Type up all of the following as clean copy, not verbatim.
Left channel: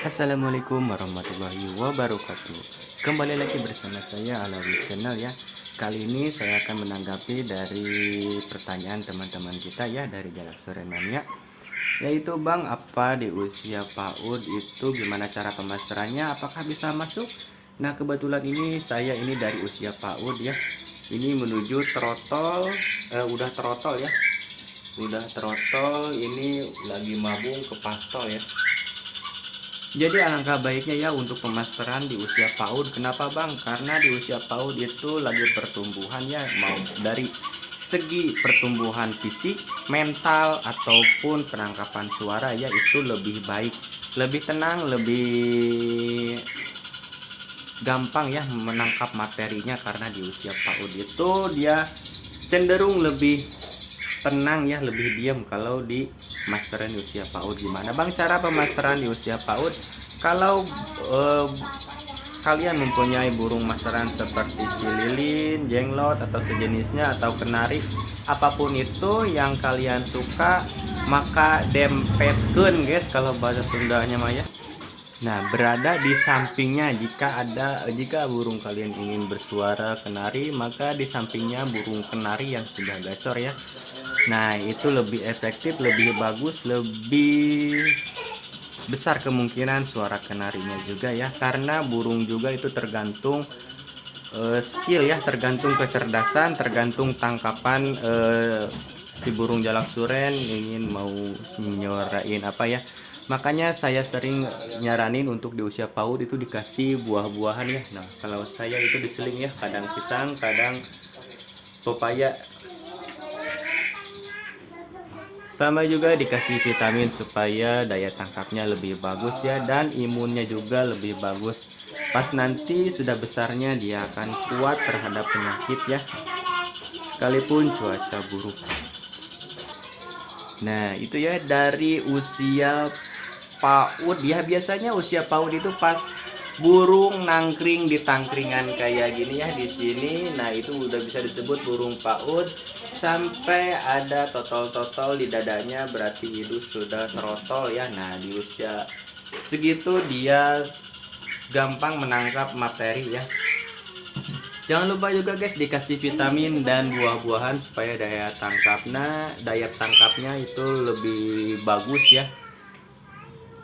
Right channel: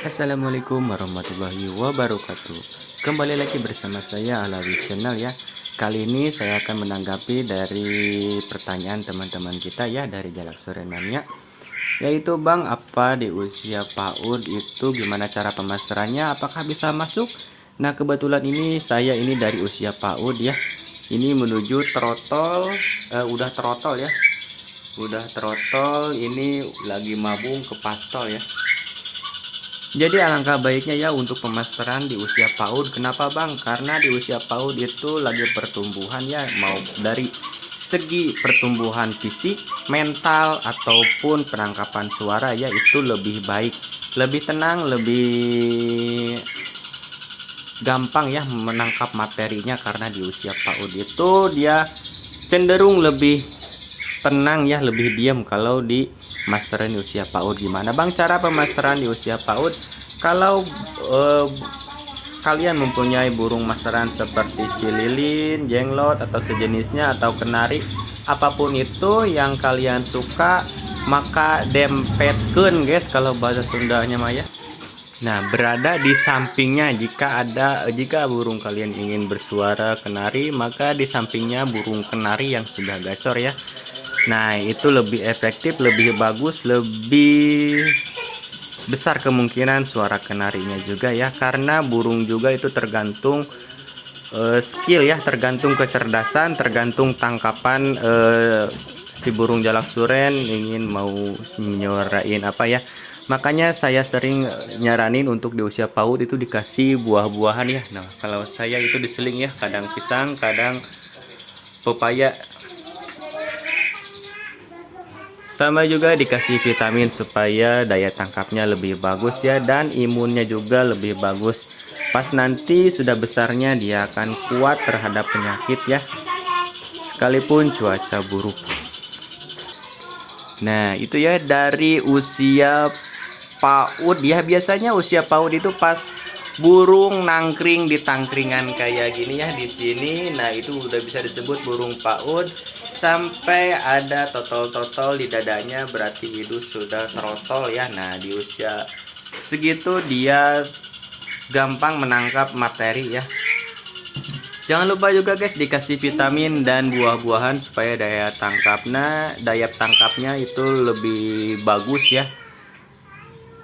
Assalamualaikum warahmatullahi wabarakatuh. Kembali lagi bersama saya Alawi Channel ya. Kali ini saya akan menanggapi dari pertanyaan teman-teman kita ya dari Jalak Sore Mania, yaitu Bang, apa di usia PAUD itu gimana cara pemasterannya? Apakah bisa masuk? Nah, kebetulan ini saya ini dari usia PAUD ya. Ini menuju trotol, udah trotol ya. Udah trotol, ini lagi mabung ke pastol ya. Jadi alangkah baiknya ya untuk pemasteran di usia PAUD. Kenapa Bang? Karena di usia PAUD itu lagi pertumbuhan ya, mau dari segi pertumbuhan fisik, mental ataupun penangkapan suara ya itu lebih baik, lebih tenang, lebih gampang ya menangkap materinya, karena di usia PAUD itu dia cenderung lebih tenang ya, lebih diam kalau di masteran di usia PAUD. Gimana Bang cara pemasteran di usia PAUD? Kalau kalian mempunyai burung masteran seperti cililin, jenglot atau sejenisnya, atau kenari, apapun itu yang kalian suka, maka dempetkeun guys kalau bahasa Sundanya Maya. Nah, berada di sampingnya, jika burung kalian ingin bersuara kenari, maka di sampingnya burung kenari yang sudah gacor ya. Nah, itu lebih efektif, lebih bagus, lebih besar kemungkinan suara kenarinya juga ya, karena burung juga itu tergantung skill ya, tergantung kecerdasan, tergantung tangkapan si burung jalak suren ingin mau nyuarain apa ya. Makanya saya sering nyaranin untuk di usia PAUD itu dikasih buah-buahan ya. Nah, kalau saya itu diseling ya, kadang pisang, kadang pepaya. Sama juga dikasih vitamin supaya daya tangkapnya lebih bagus ya, dan imunnya juga lebih bagus. Pas nanti sudah besarnya dia akan kuat terhadap penyakit ya, sekalipun cuaca buruk. Nah, itu ya dari usia PAUD ya. Biasanya usia PAUD itu pas burung nangkring di tangkringan kayak gini ya di sini. Nah, itu udah bisa disebut burung PAUD. Sampai ada totol-totol di dadanya, berarti itu sudah terotol ya. Nah, di usia segitu dia gampang menangkap materi ya. Jangan lupa juga guys dikasih vitamin dan buah-buahan supaya daya tangkapnya itu lebih bagus ya.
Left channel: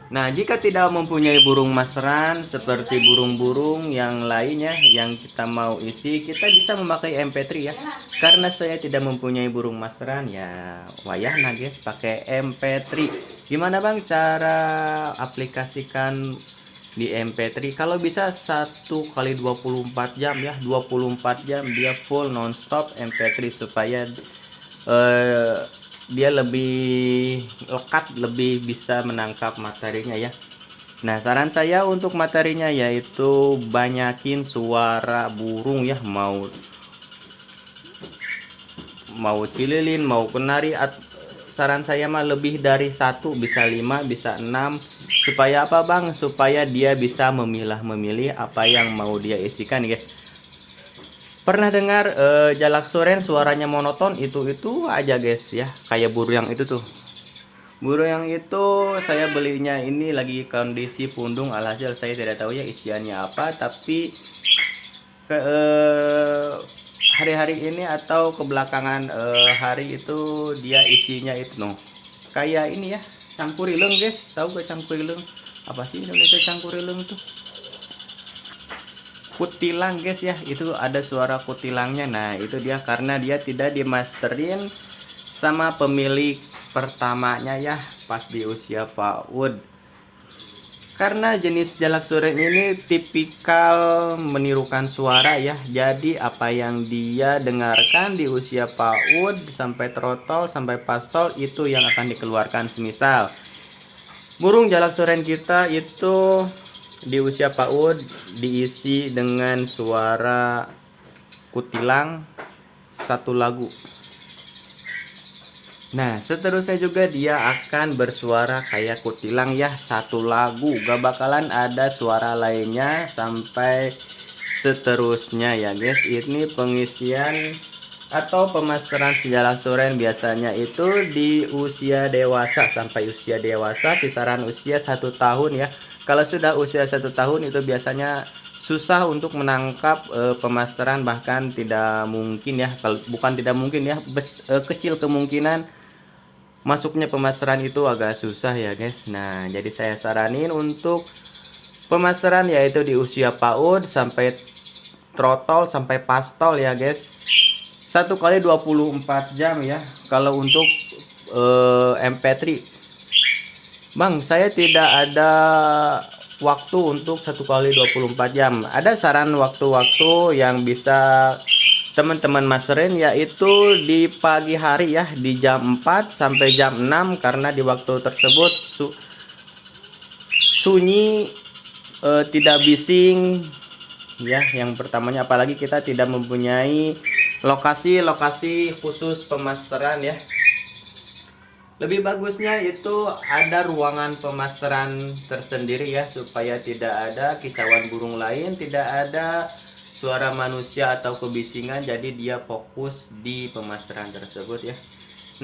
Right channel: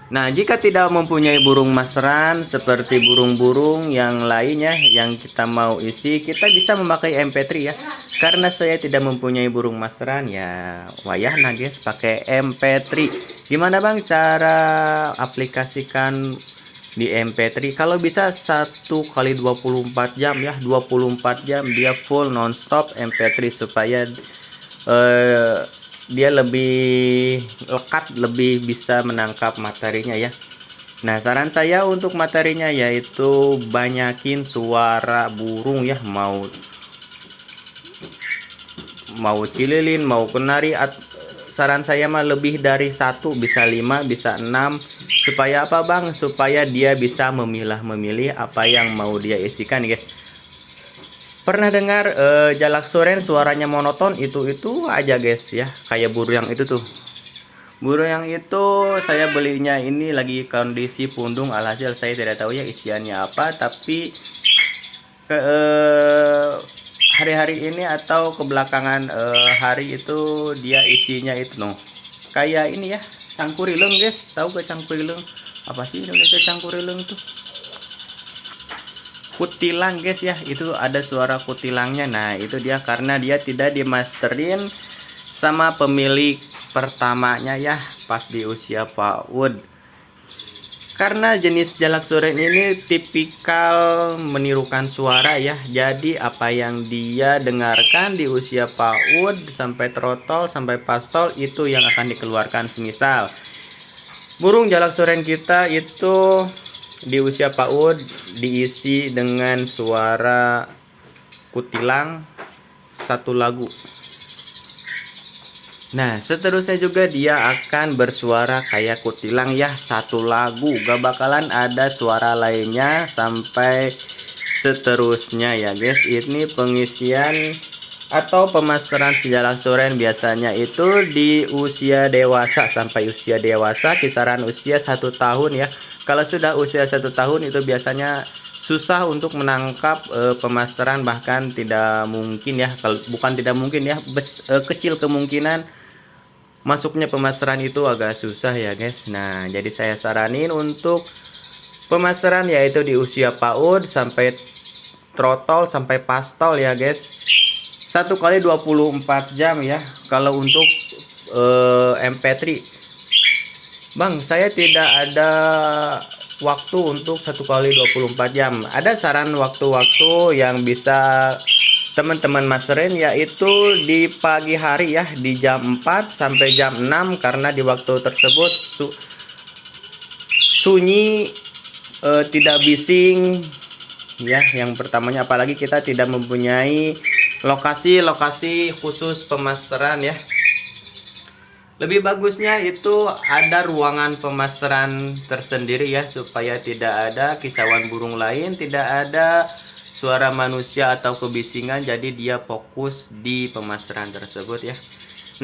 Nah, jika tidak mempunyai burung masteran seperti burung-burung yang lainnya yang kita mau isi, kita bisa memakai MP3 ya. Karena saya tidak mempunyai burung masteran ya, wayah nah guys pakai MP3. Gimana Bang cara aplikasikan di MP3? Kalau bisa 1 kali 24 jam ya, 24 jam dia full nonstop MP3 supaya dia lebih lekat, lebih bisa menangkap materinya ya. Nah, saran saya untuk materinya yaitu banyakin suara burung ya, mau cililin, mau kenari. Saran saya mah lebih dari satu, bisa 5, bisa 6. Supaya apa Bang? Supaya dia bisa memilah-memilih apa yang mau dia isikan guys. Pernah dengar jalak soren suaranya monoton? Itu aja guys ya, kayak burung yang itu tuh. Burung yang itu saya belinya ini lagi kondisi pundung, alhasil saya tidak tahu ya isiannya apa, tapi hari-hari ini atau kebelakangan hari itu dia isinya itu kayak ini ya, cangkurileng guys. Tahu gak cangkurileng? Apa sih Indonesia cangkurileng tuh? Kutilang guys ya, itu ada suara kutilangnya. Nah, itu dia karena dia tidak dimasterin sama pemilik pertamanya ya pas di usia PAUD. Karena jenis jalak suren ini tipikal menirukan suara ya. Jadi apa yang dia dengarkan di usia PAUD sampai trotol sampai pastol itu yang akan dikeluarkan. Semisal burung jalak suren kita itu di usia PAUD diisi dengan suara kutilang satu lagu. Nah, seterusnya juga dia akan bersuara kayak kutilang ya, satu lagu. Gak bakalan ada suara lainnya sampai seterusnya ya guys. Ini pengisian atau pemasaran si jalak soren biasanya itu di usia dewasa. Sampai usia dewasa kisaran usia 1 tahun ya. Kalau sudah usia 1 tahun itu biasanya susah untuk menangkap pemasaran, bahkan tidak mungkin ya, kalau bukan tidak mungkin ya, kecil kemungkinan masuknya pemasaran itu agak susah ya guys. Nah jadi saya saranin untuk pemasaran yaitu di usia PAUD sampai trotol sampai pastol ya guys. 1 kali 24 jam ya. Kalau untuk MP3, Bang, saya tidak ada waktu untuk 1 kali 24 jam. Ada saran waktu-waktu yang bisa teman-teman masterin, yaitu di pagi hari ya, di jam 4 sampai jam 6, karena di waktu tersebut sunyi, tidak bising ya. Yang pertamanya, apalagi kita tidak mempunyai lokasi-lokasi khusus pemasteran ya. Lebih bagusnya itu ada ruangan pemasteran tersendiri ya, supaya tidak ada kicauan burung lain, tidak ada suara manusia atau kebisingan, jadi dia fokus di pemasteran tersebut ya.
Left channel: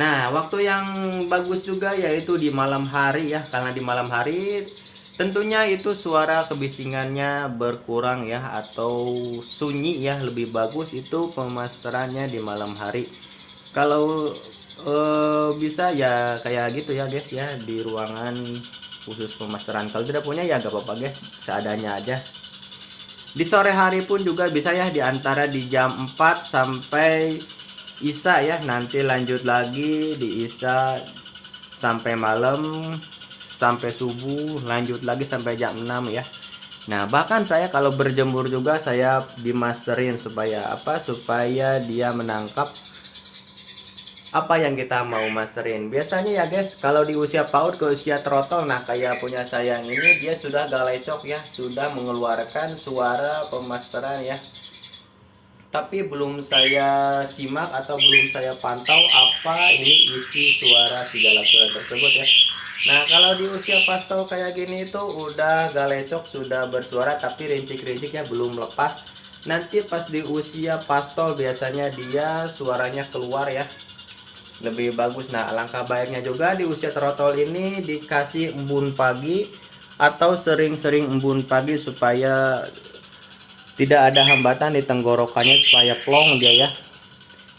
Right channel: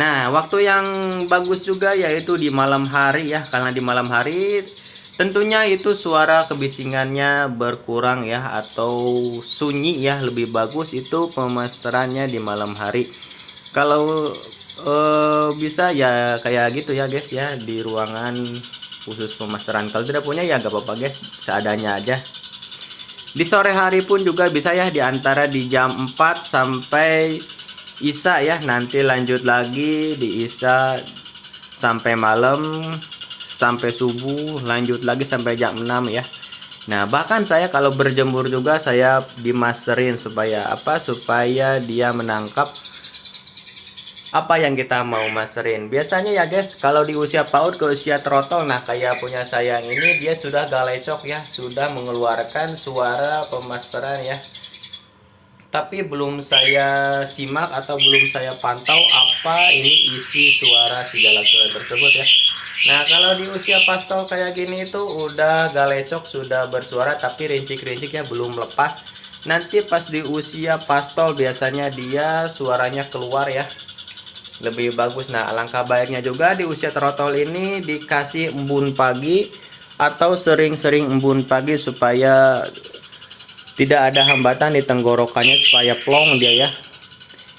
Nah waktu yang bagus juga yaitu di malam hari ya, karena di malam hari tentunya itu suara kebisingannya berkurang ya, atau sunyi ya. Lebih bagus itu pemasterannya di malam hari. Kalau bisa ya kayak gitu ya guys ya, di ruangan khusus pemasteran. Kalau tidak punya ya gak apa-apa guys, seadanya aja. Di sore hari pun juga bisa ya, di antara di jam 4 sampai Isya ya. Nanti lanjut lagi di Isya sampai malam, sampai subuh, lanjut lagi sampai jam 6 ya. Nah bahkan saya kalau berjemur juga saya dimasterin, supaya apa, supaya dia menangkap apa yang kita mau masterin. Biasanya ya guys, kalau di usia PAUD ke usia trotol, nah kayak punya saya ini, dia sudah galecok ya, sudah mengeluarkan suara pemasteran ya. Tapi belum saya simak atau belum saya pantau apa ini isi suara si jalak soren tersebut ya. Nah kalau di usia pastol kayak gini itu udah galecok, sudah bersuara, tapi rincik-rincik ya, belum lepas. Nanti pas di usia pastol biasanya dia suaranya keluar ya, lebih bagus. Nah alangkah baiknya juga di usia trotol ini dikasih embun pagi, atau sering-sering embun pagi, supaya tidak ada hambatan di tenggorokannya, supaya plong dia ya.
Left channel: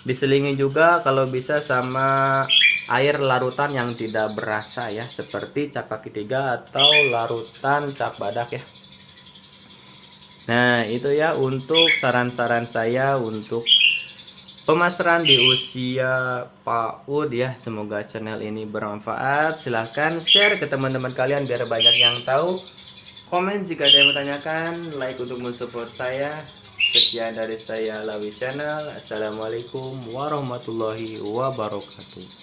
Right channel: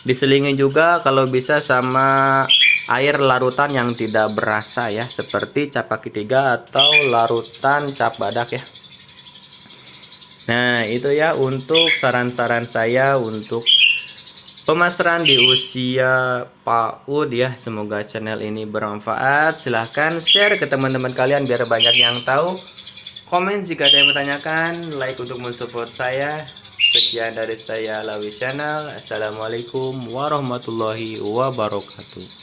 Diselingi juga kalau bisa sama air larutan yang tidak berasa ya, seperti cap kaki 3 atau larutan cap badak ya. Nah itu ya untuk saran-saran saya untuk pemasaran di usia PAUD ya. Semoga channel ini bermanfaat. Silahkan share ke teman-teman kalian biar banyak yang tahu. Komen jika ada yang bertanyakan, like untuk mensupport saya. Sekian dari saya, Lawi Channel. Assalamualaikum warahmatullahi wabarakatuh.